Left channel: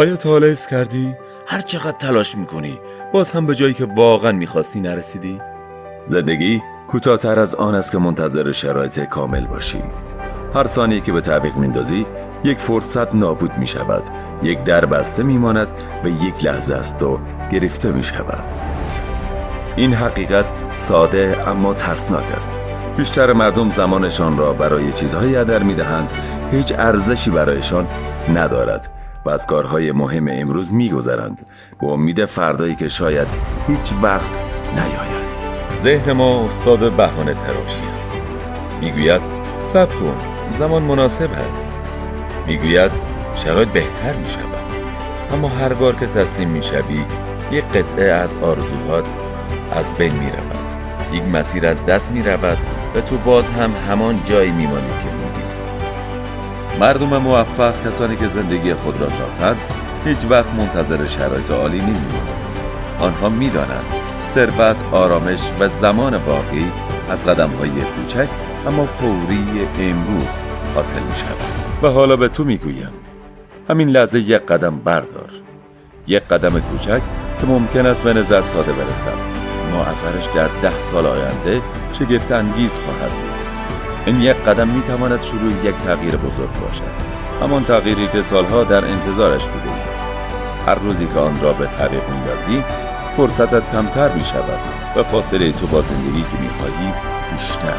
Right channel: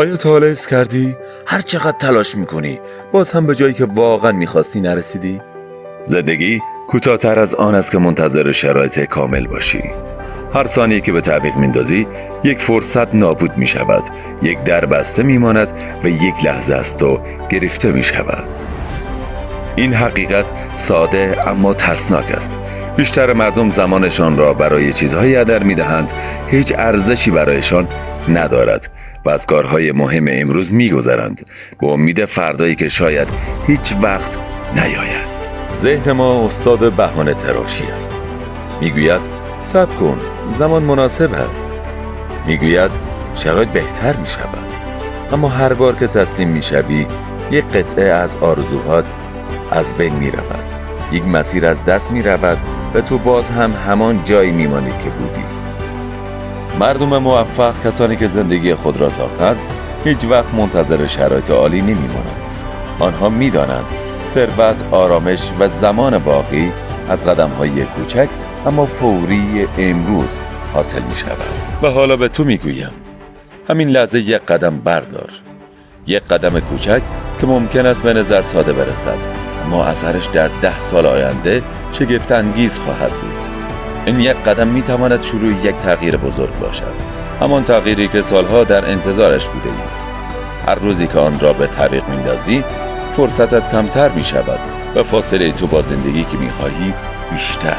آیا تا حالا حس کردی هر چقدر تلاش میکنی باز هم به جایی که واقعا میخواستی نرسیدی؟ زندگی کوتاه‌تر از آن است که منتظر شرایط کامل باشی. هر ثانیه که به تعویق میندازی یک فرصت نابود میشود، یک در بسته میماند و یک لحظه از تو گرفته میشود. این حقیقت ساده اما ترسناک است. بیشتر مردم زمانشان را برای چیزهایی هدر میدهند هیچ ارزشی برایشان ندارد و از کارهای مهم امروز میگذرند به امید فردایی که شاید هیچ وقت نیاید. ذهن ما استاد بهانه تراشی است. میگوید صبر کن، زمان مناسب است. میگوید شرایط بهتر میشود. اما هر بار که تسلیم میشوی یک قطعه از آرزوهات از بین میرود، یک مسیر از دست میرود و تو باز هم همان جایی میمانی که بودی. مردم موفق، کسانی که زندگی خود را ساختند، هیچ وقت منتظر شرایط عالی نمیمانند. آنها میدانند ثروت، آرامش و زمان واقعی از قدم‌های کوچک اما فوری امروز حاصل می شود. و حالا به تو میگویم همین لحظه یک قدم بردار، یک قدم کوچک که ممکن است به نظر ساده برسد اما اثرش در 10 سال آینده شگفت انگیز خواهد بود. این یک قدم می تواند شروع یک تغییر بزرگ باشد، همان تغییری که سالها در انتظارش بوده ای. هر روزی که آن را به تعویق می‌اندازی فرصتت کمتر می شود و فاصله تو با زندگی که می خواهی بیشتر.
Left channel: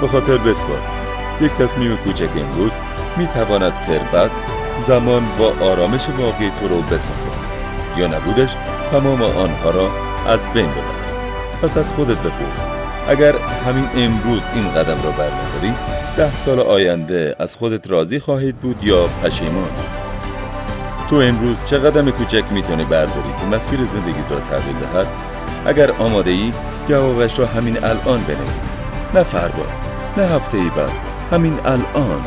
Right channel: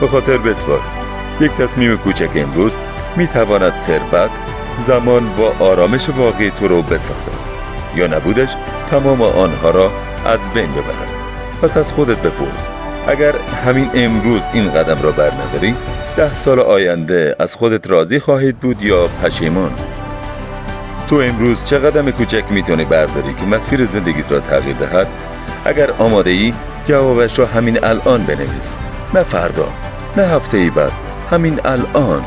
به خاطر بسپار یک تصمیم کوچک امروز می تواند ثروت، زمان و آرامش واقعی تو رو بسازد یا نبودش تمام آنها را از بین ببرد. پس از خودت بپرس اگر همین امروز این قدم را برنداری 10 سال آینده از خودت راضی خواهید بود یا پشیمان؟ تو امروز چه قدم کوچک میتونی برداری که مسیر زندگیت را تغییر دهد؟ اگر آماده ای جوابش را همین الان بنویس، نه فردا، نه هفته ای بعد، همین الان.